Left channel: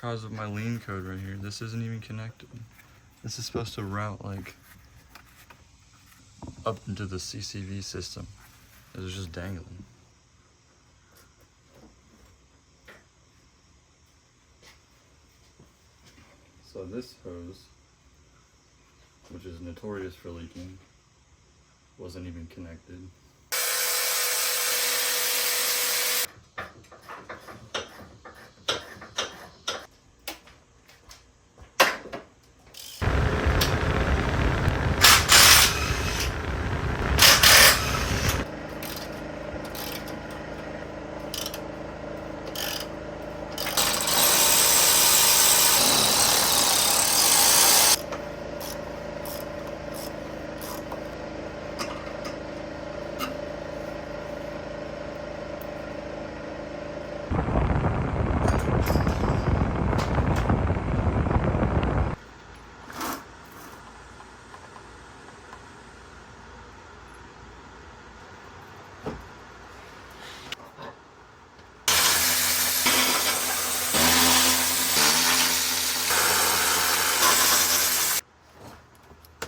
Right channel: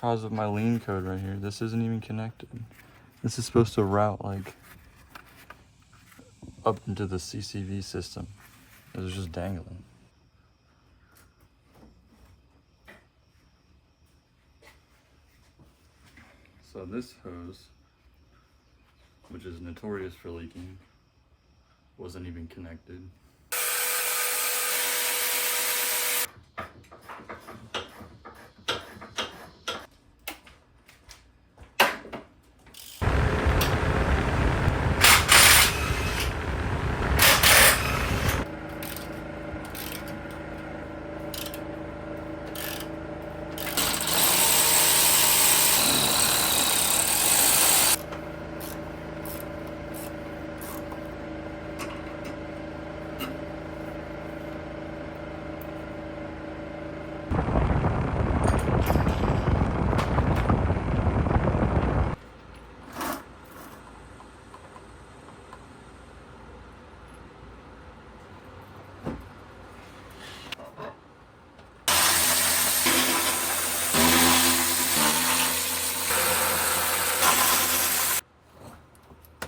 cause of my lean code right here. This isn't even connected. This is supposed to route like up into the CCV system. It was just dangling. So this hose, which is notorious for leaking, wasn't even connected.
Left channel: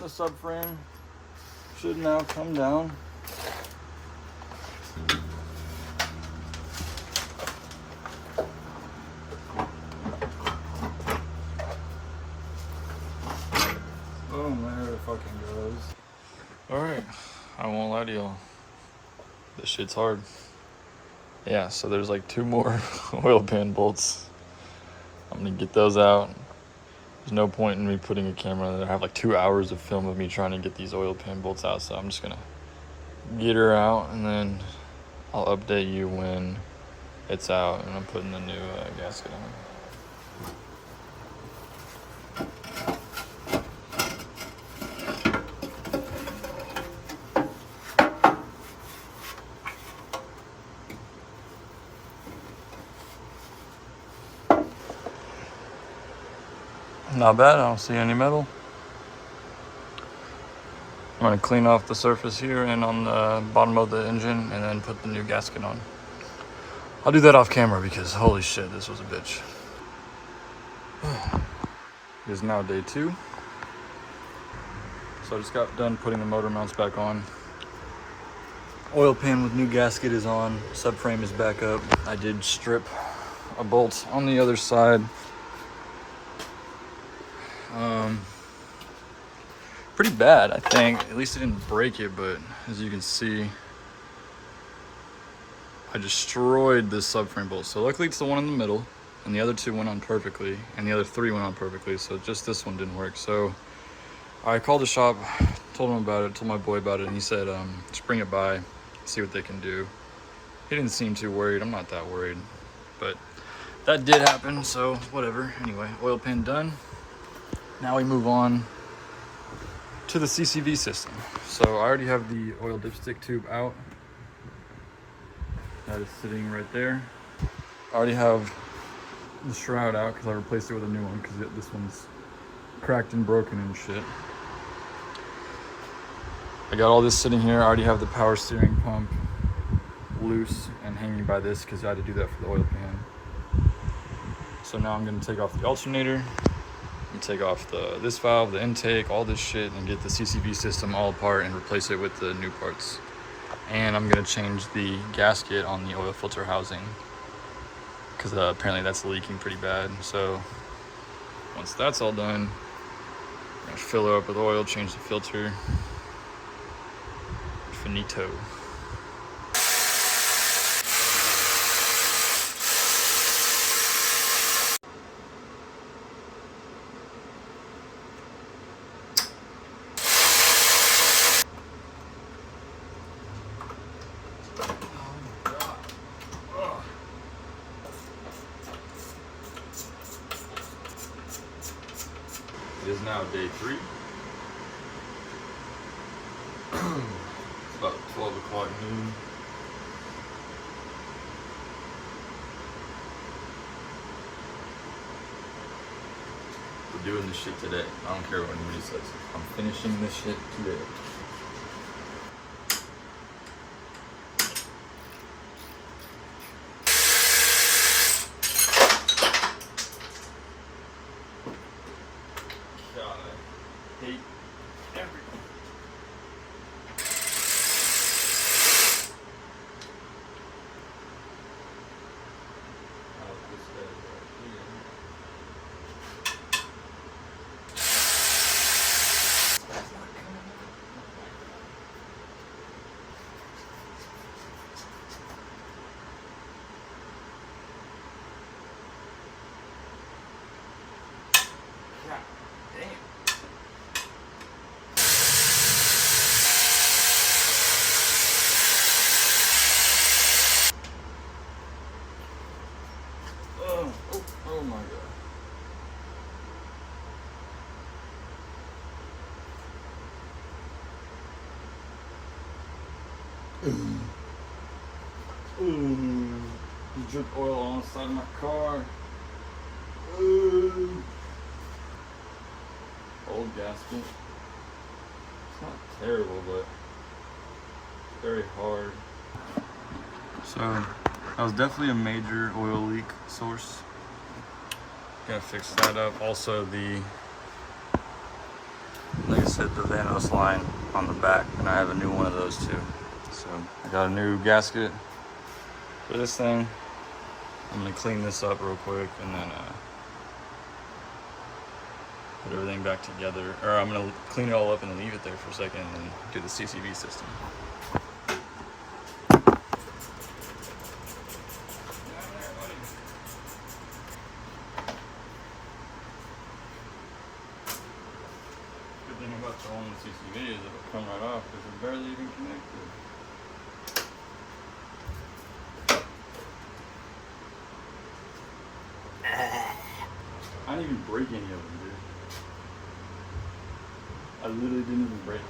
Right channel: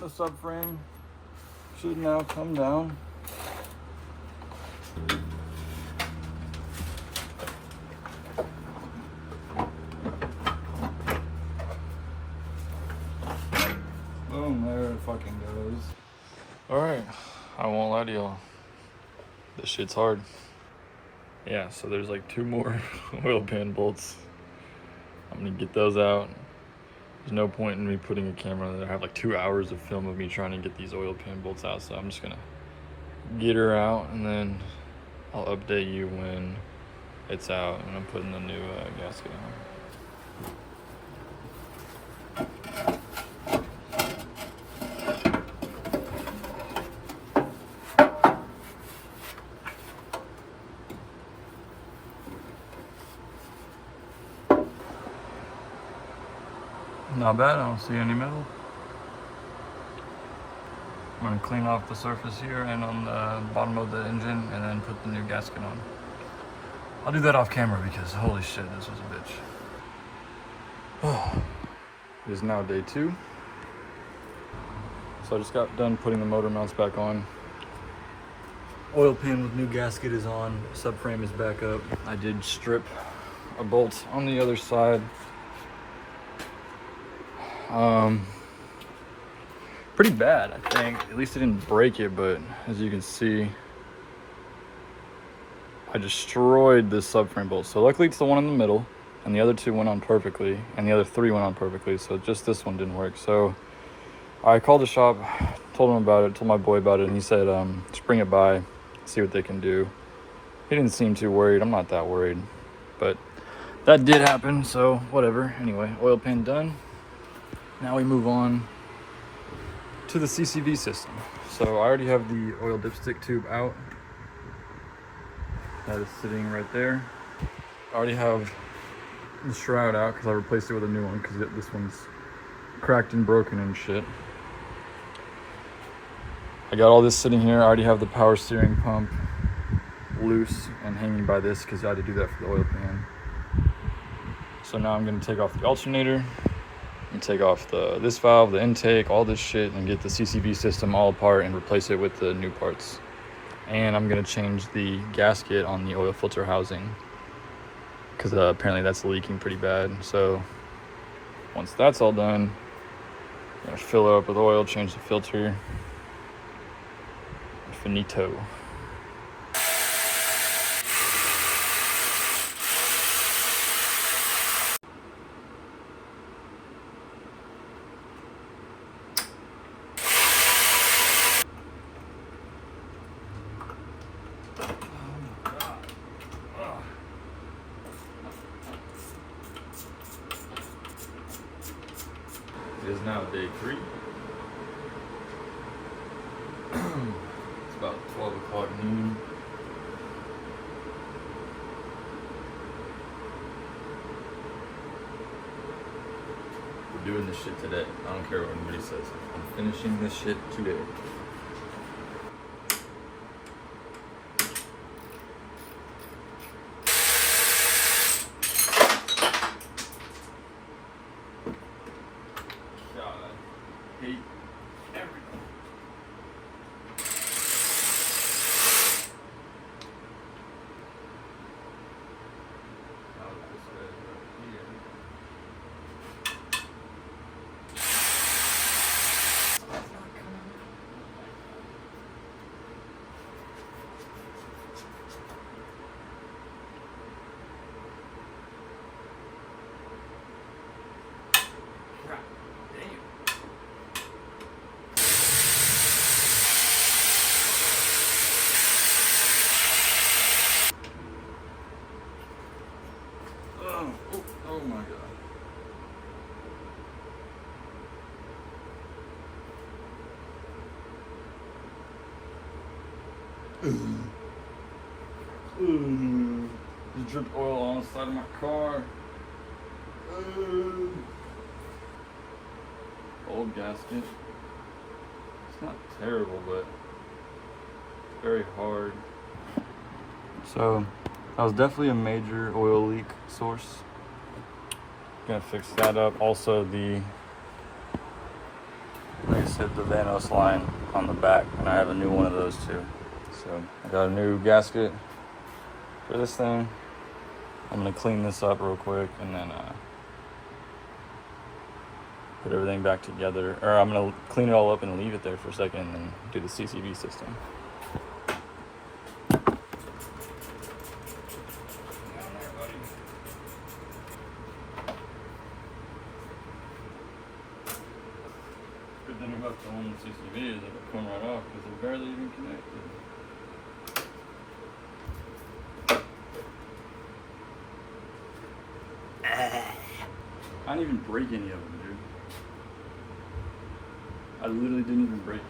The subframe should now come down. Boom, there it fucking goes. Alright, I won't lie to y'all. This shit's hard. Yeah, so there's like 2 more oil pan bolts. I'm gonna get those out. There's no point in me putting a camera there. I have like 2 hours of film of me trying to get these oil pan bolts out, so I'm just gonna get her out and then I'll update you when it's out and I'm putting the new gasket on. Not bad, I don't see any metal. I'm gonna clean off the surface here and on the bottom of the engine and then put the new gasket on. I'll do that off camera because holy shit, this was a bitch. It is now day 2. So I just got done putting the motor mounts back on. Oil pan with new gasket is on, subframe is back up. I did strip a bolt on the other side. Pretty bad, I think. At least I didn't break it, but as you can see, I destroyed this subframe bolt. So luckily it's the one in the middle, and the other 2 went on perfectly, and the other 3 went on perfectly, so just this one didn't work. So I called the shop, told him about it, told my boy about it, and he said, just bring it by, see what they can do. He didn't seem too worried. I'm not that worried, but that did happen, so whatever. Anyway, oil pan done. Now we move on to the CCV system. So I already have the oil dipstick tube out. That is sitting right there. I already have the shroud out because I replaced it with a new one because this one's cracked and broken and shit. I got all this sitting here. I already have the power steering pump loose and hanging by this because I had to do that for the oil pan. So now I'm going to take off the alternator and take off this valve, the intake, all this shit, and get the CCV system all apart and replace it with the new parts. And I'm gonna change the gasket on the oil filter housing because apparently that's leaking pretty bad. So once that's all done, I'm gonna fill it up with oil, change the filter. Finito. It is now day 3. It's about 12 o'clock noon. We're doing this shit today. I don't care what anybody says. I'm finishing this shit today. Ooh, drip oil on the side of my car. Ooh. Old gasket. It's not terrible, but very hard. So that was definitely a major oil leak source. Gonna fix that up. Also like I said, the Vanos line on the back, and I have a new one of those too. So I got a new gasket for this thing. I'm gonna clean this up real quick and then put everything back together. Or I'm gonna clean it all up and leave it there for a second and then do the CCV system. Good thing about the one CCV is it'll come right off because it's barely even connected. I didn't even break any of them, dude. I literally didn't even break any.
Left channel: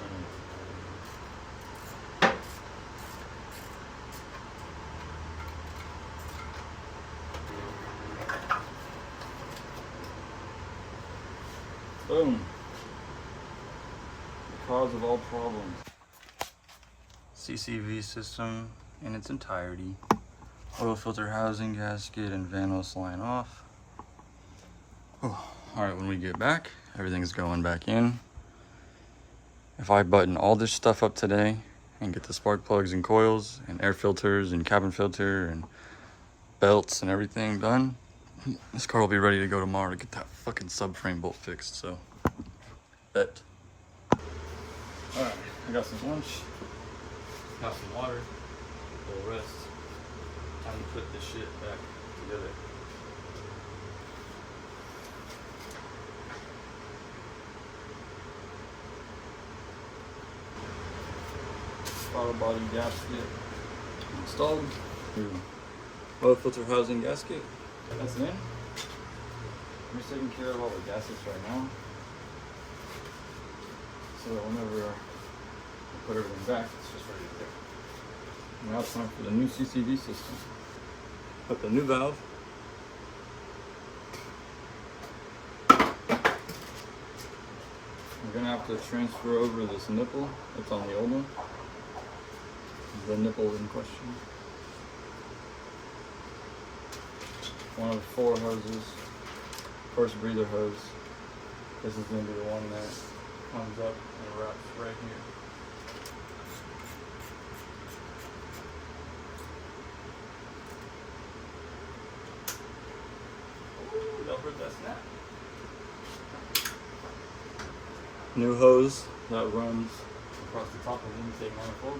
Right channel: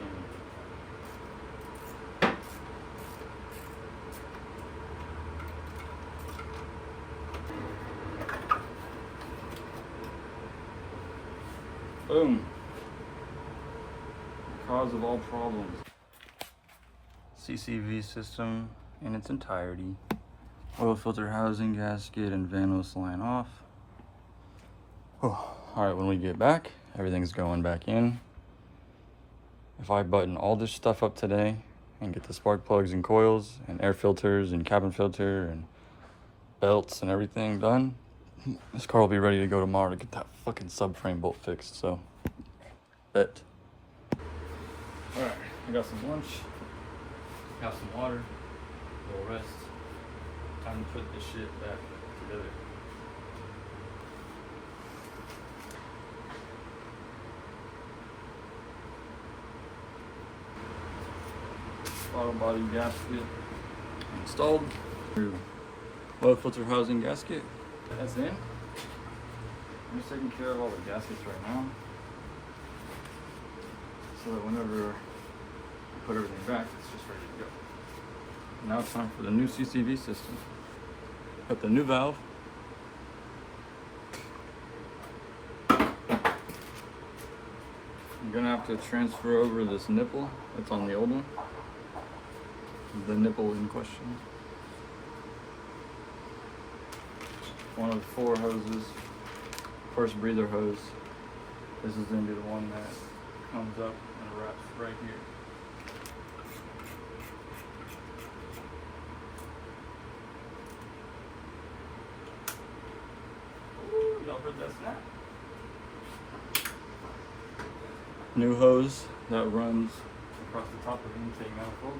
Boom. The cause of all problems. CCV system in its entirety. Oil filter housing, gasket, and Vanos line off. Oh, all right, when we get back, everything's going back in. If I button all this stuff up today and get the spark plugs and coils and air filters and cabin filter and belts and everything done, this car will be ready to go tomorrow to get that fucking subframe bolt fixed, so. Bet. All right, I got some lunch, got some water, a little rest. Time to put this shit back together. Throttle body gasket installed. Oil filter housing gasket. That's in. We're taking care of all the gaskets right now. So whenever I put everything back, it's just ready to go. Now it's time for the new CCV system. Put the new valve. I'm gonna have to transfer over this nipple that's on the old one. The nipple in question. One of the 4 hoses. First breather hose. This is gonna be the one that comes up and wraps right here. Ooh, don't hurt that snap. New hose that runs across the top of the intake manifold.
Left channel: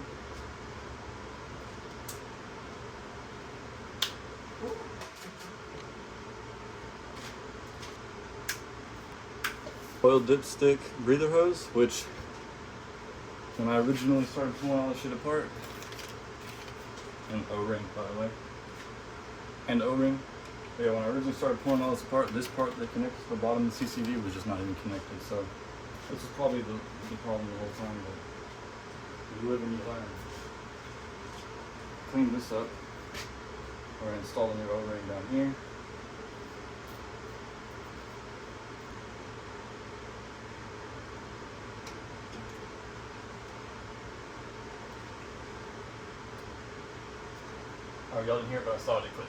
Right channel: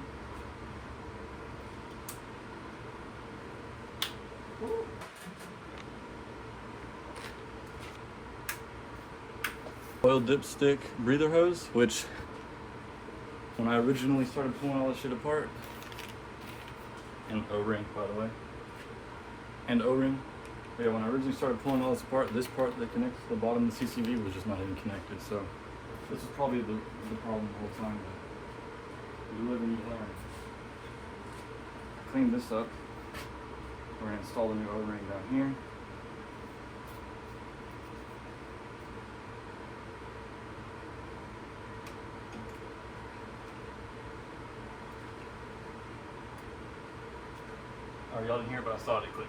Oil dipstick breather hose, which when I originally started pulling all this shit apart, and O-ring by the way, and O-ring, but yeah, when I originally started pulling all this apart, this part that connects to the bottom of the CCV was just not even connected, so this is probably the problem the whole time, but you live and you learn. Clean this up. We're going to install the new O-ring down here. Oh, y'all didn't hear about Saudi clip.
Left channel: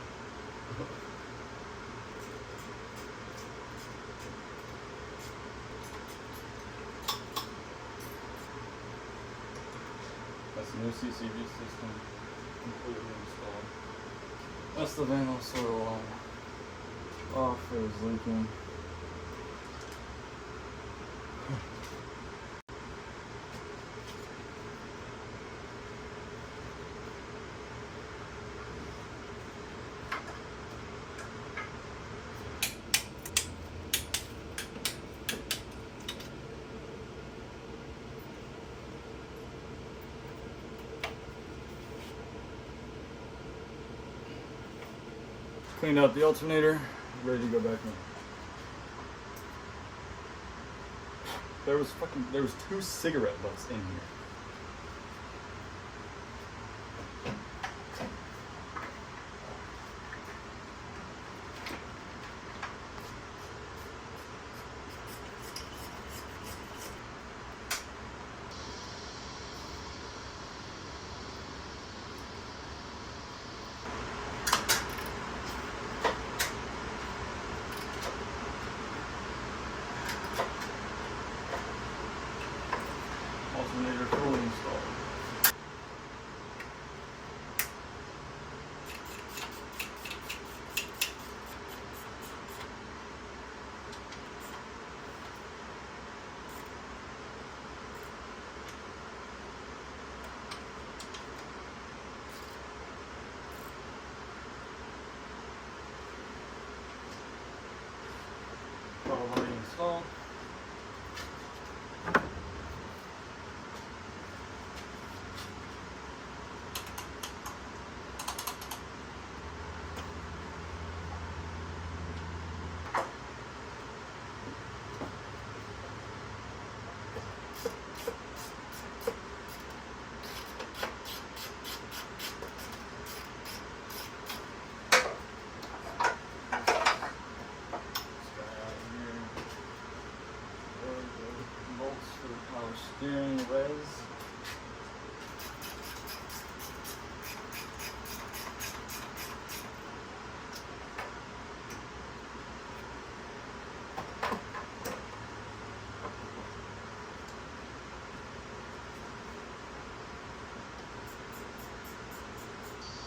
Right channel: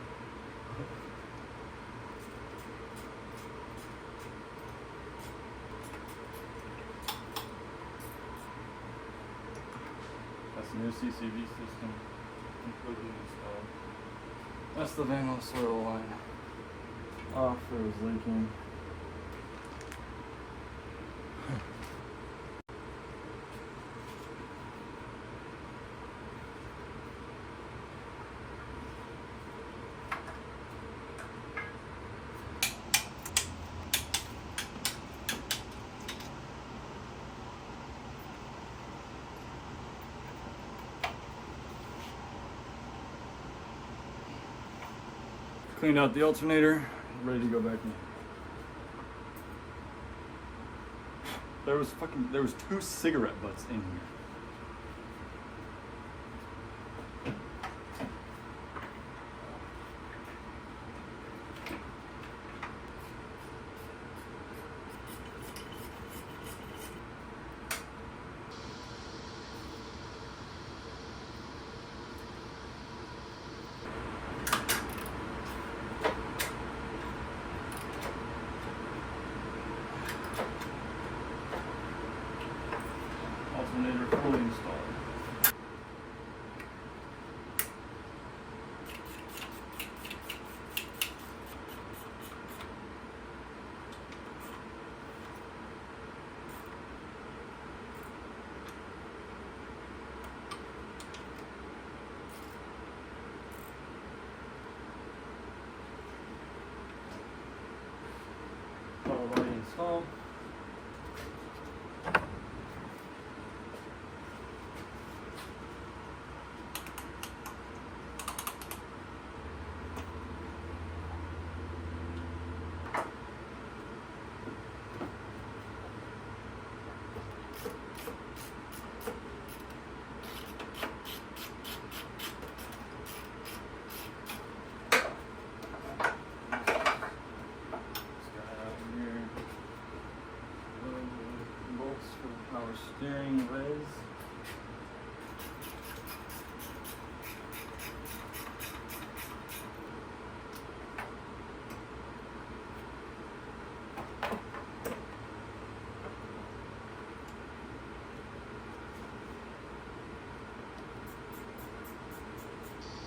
That's the new CCV system completely installed. That's the Vanos solar line. Off, it was leaking. Cleaned out the alternator, ready to go back in. There was 2 cigarette butts in here.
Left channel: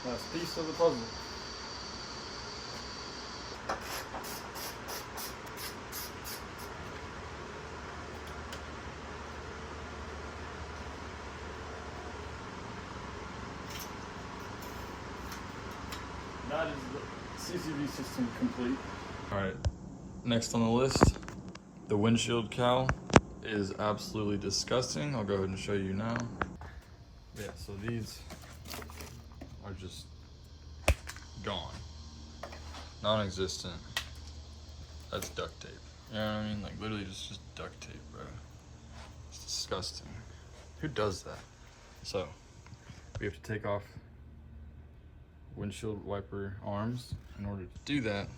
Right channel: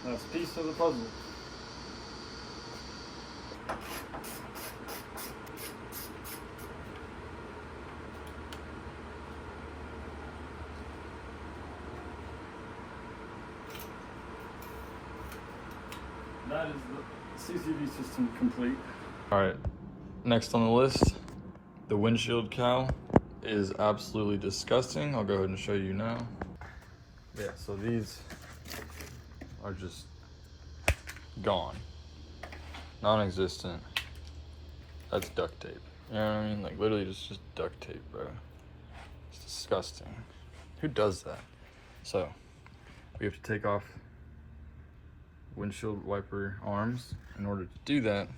That's a piece of the puzzle. That is the CCV system complete. All right, next on the list, the windshield cowl is absolutely disgusting. I'll go ahead and show you now. Yeah, so these are just gone, non-existent. That's duct tape. You know what I mean? Like literally just duct tape, bro. It's disgusting. Who does that? So we have to take off windshield wiper arms. In order to do that,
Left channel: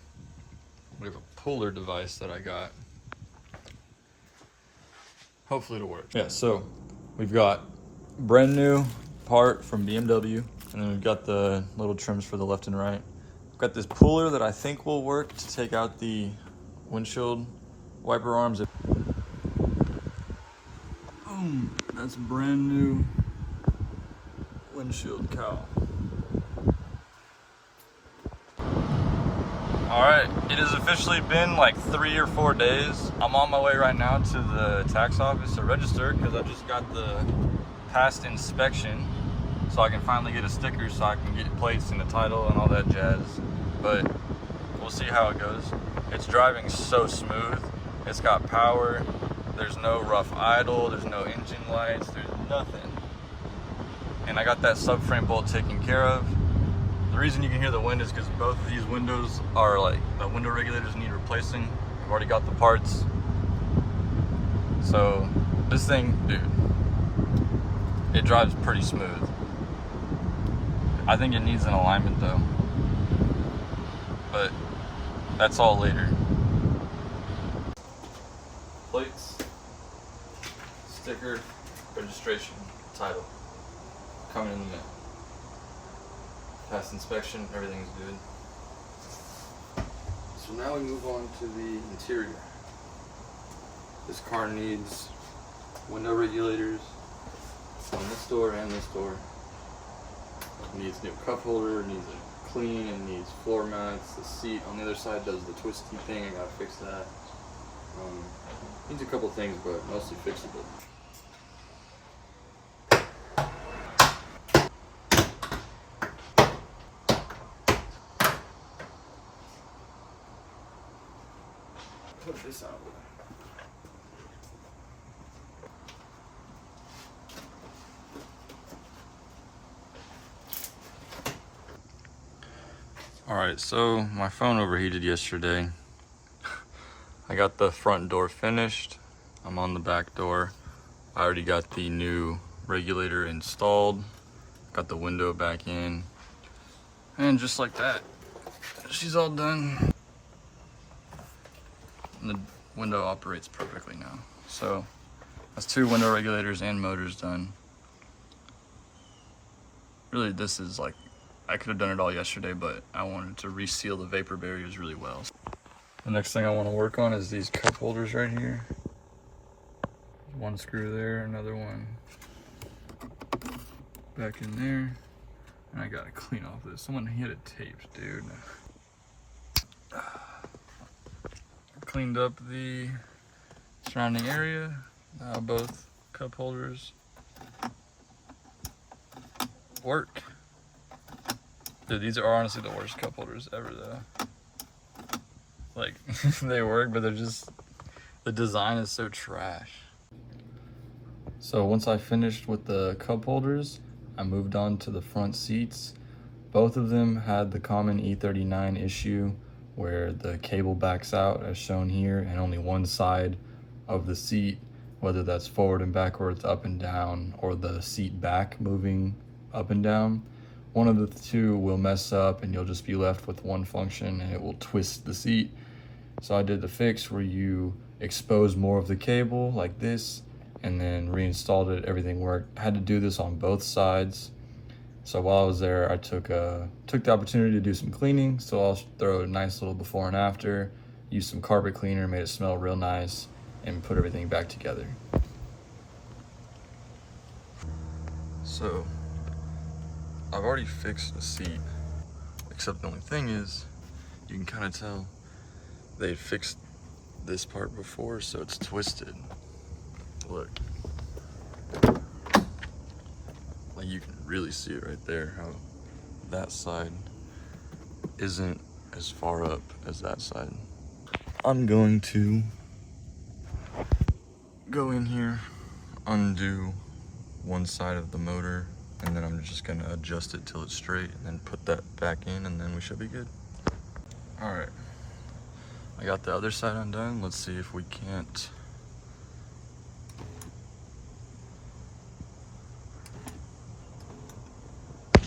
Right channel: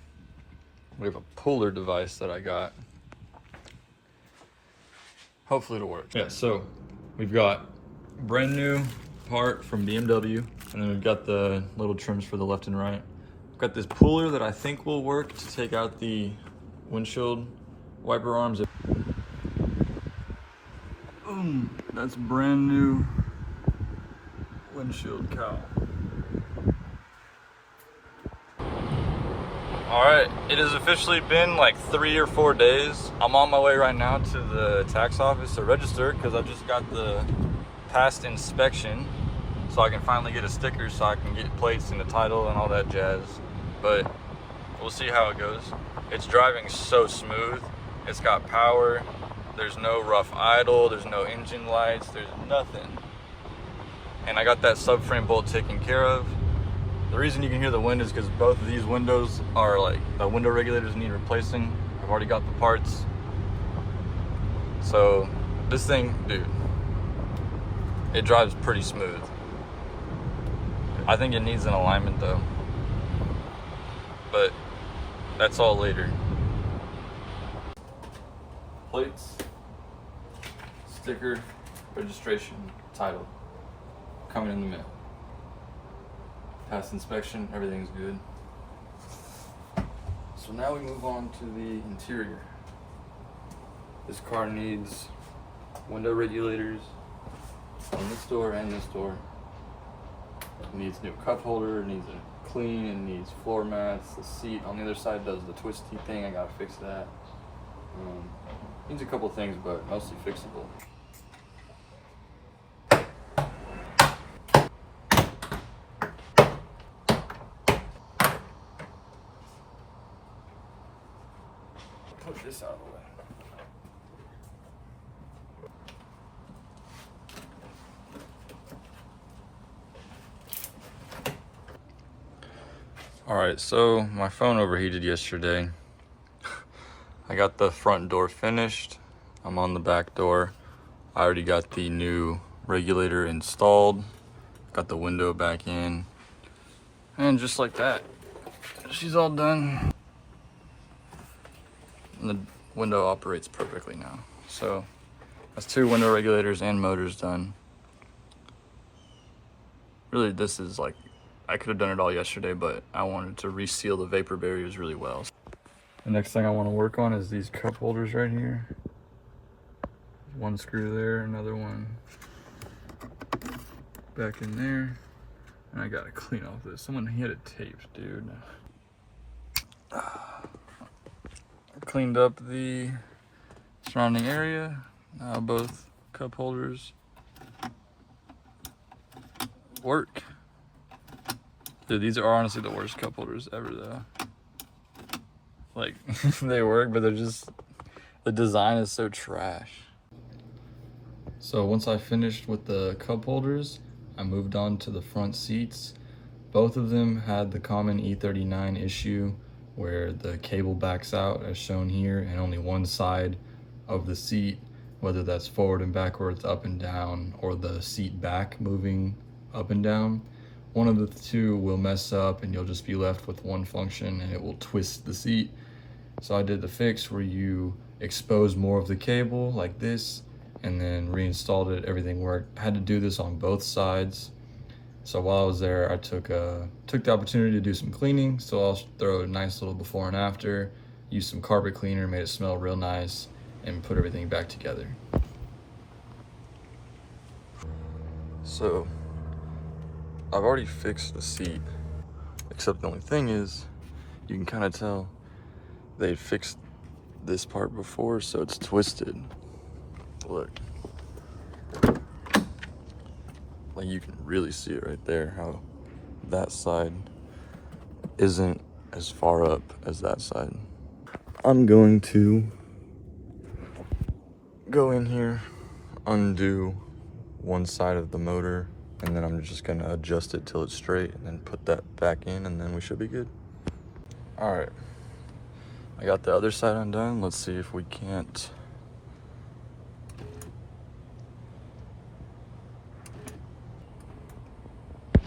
we have a puller device that I got. Hopefully it'll work. Yeah, so we've got brand new part from BMW, and then we've got the little trims for the left and right. I've got this puller that I think will work to take out the windshield wiper arms. Boom, that's brand new windshield cowl. All right, it has officially been like 3 or 4 days. I'm on my way right now to the tax office to register because I just got the past inspection, so I can finally get a sticker so I can get plates and the title and all that jazz. But we'll see how it goes. It's driving so smooth. It's got power. There's no rough idle. There's no engine lights. There's nothing. And I got that subframe bolt taken care of. The reason you can hear the wind is because both of these windows are like, the window regulators need replacing. I've already got the parts. So this thing, dude, it drives pretty smooth. I think it needs an alignment though, but that's all later. Plates, sticker, registration, title, coming in the mail. Past inspection, everything's good. So now we move on to the interior. This car needs window regulators on this door and this door. It needs new cup holder, it needs a clean, it needs floor mats. The seat on the other side does the twisty thing, I gotta fix that. Needs a couple things, but mostly fixable. Put this out of the way. All right, so my phone overheated yesterday. I got the front door finished. I'm on the back door. I already got the new regulator installed. Got the window back in. And just like that, she's all done. And the window operates perfectly now. So that's 2 window regulators and motors done. Really, this is like, I could have done it all yesterday, but I wanted to reseal the vapor barriers really well. The next thing I want to work on is these cup holders right here. One screw there, another one back in there. And I gotta clean off this. Someone hit a tape, dude. Cleaned up the surrounding area. Now both cup holders work. Dude, these are honestly the worst cup holders ever though. Like, they work, but they're just, the design is so trash. So once I finished with the cup holders, I moved on to the front seats. Both of them had the common E39 issue where the cable backs out as shown here, and only one side of the seat, whether that's forward and backwards, up and down, or the seat back moving up and down, one of the two will mess up and you'll just be left with one function and it will twist the seat. So I did the fix where you expose more of the cable like this and then reinstalled it. Everything worked. I had to do this on both sides. So while I was there, I took the opportunity to do some cleaning. So I'll throw a nice little before and after, use some carpet cleaner, made it smell real nice, and put everything back together. So I've already fixed the seat, except the only thing is, you can kind of tell they fixed this part before, so it's twisted. Look. Like you can really see it right there, how that side isn't as far up as that side. I'm going to go in here, undo one side of the motor, and then I'm just gonna adjust it till it's straight and then put that back in, and then we should be good. All right, I got the other side undone. Let's see if we can't.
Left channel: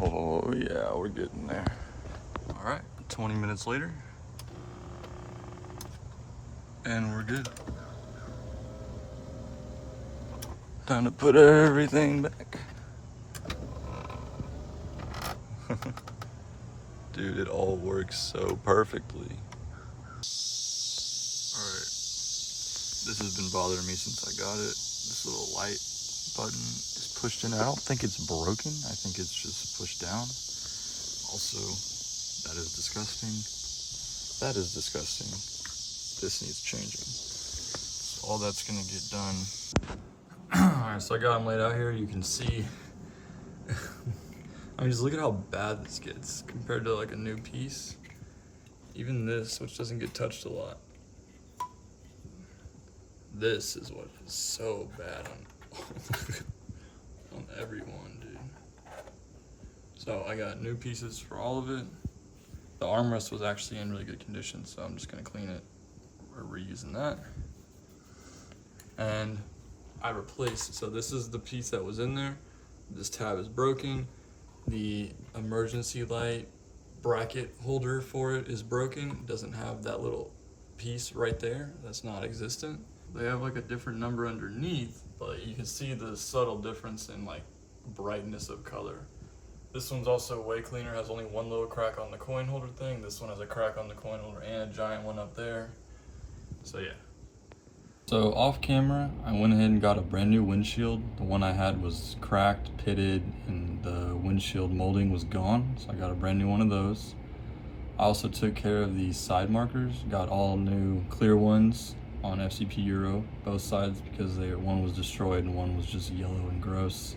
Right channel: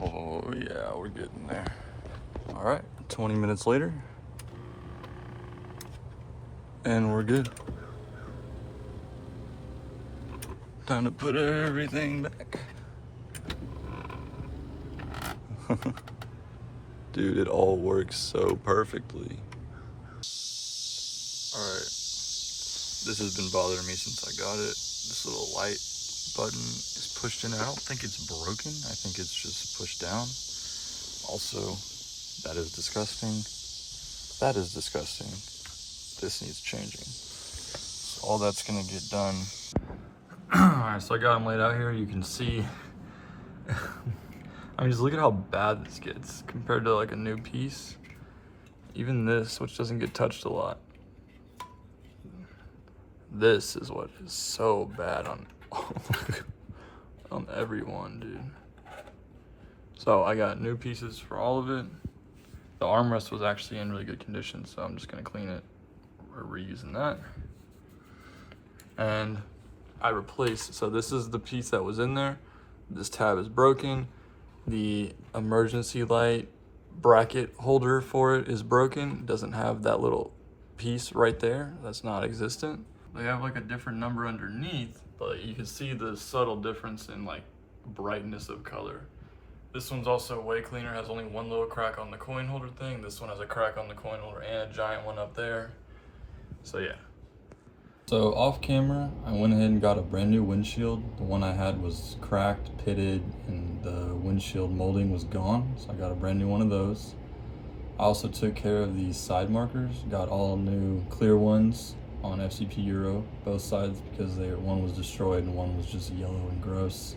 Oh yeah, we're getting there. All right, 20 minutes later, and we're good. Time to put everything back. Dude, it all works so perfectly. All right, this has been bothering me since I got it. This little light button is pushed in. I don't think it's broken. I think it's just pushed down. Also, that is disgusting. That is disgusting. This needs changing. So all that's gonna get done. Alright, so I got them laid out here. You can see. I mean, just look at how bad this gets compared to like a new piece. Even this, which doesn't get touched a lot. This is what is so bad on on everyone, dude. So I got new pieces for all of it. The armrest was actually in really good condition, so I'm just gonna clean it. We're reusing that. And I replaced, so this is the piece that was in there. This tab is broken. The emergency light bracket holder for it is broken. It doesn't have that little piece right there. That's not existent. They have like a different number underneath, but you can see the subtle difference in like brightness of color. This one's also way cleaner, has only one little crack on the coin holder thing. This one has a crack on the coin holder and a giant one up there. So yeah. So off camera, I went ahead and got a brand new windshield. The one I had was cracked, pitted, and the windshield molding was gone. So I got a brand new one of those. I also took care of the side markers, got all new clear ones on FCP Euro, both sides, because one was destroyed and one was just yellow and gross.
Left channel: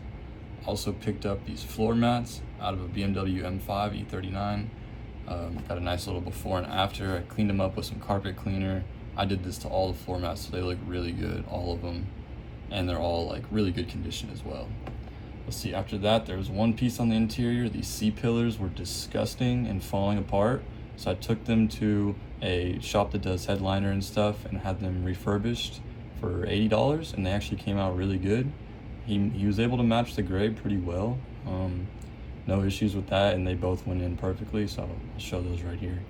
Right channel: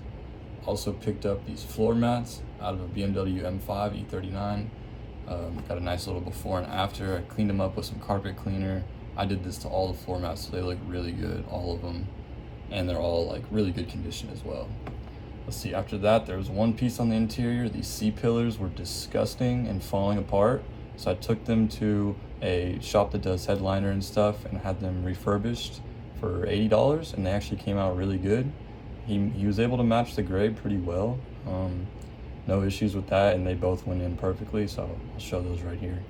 Also picked up these floor mats out of a BMW M5 E39. Got a nice little before and after. I cleaned them up with some carpet cleaner. I did this to all the floor mats, so they look really good, all of them. And they're all like really good condition as well. Let's see, after that, there was one piece on the interior. These C-pillars were disgusting and falling apart. So I took them to a shop that does headliner and stuff and had them refurbished for $80, and they actually came out really good. He was able to match the gray pretty well. No issues with that, and they both went in perfectly, so I'll show those right here.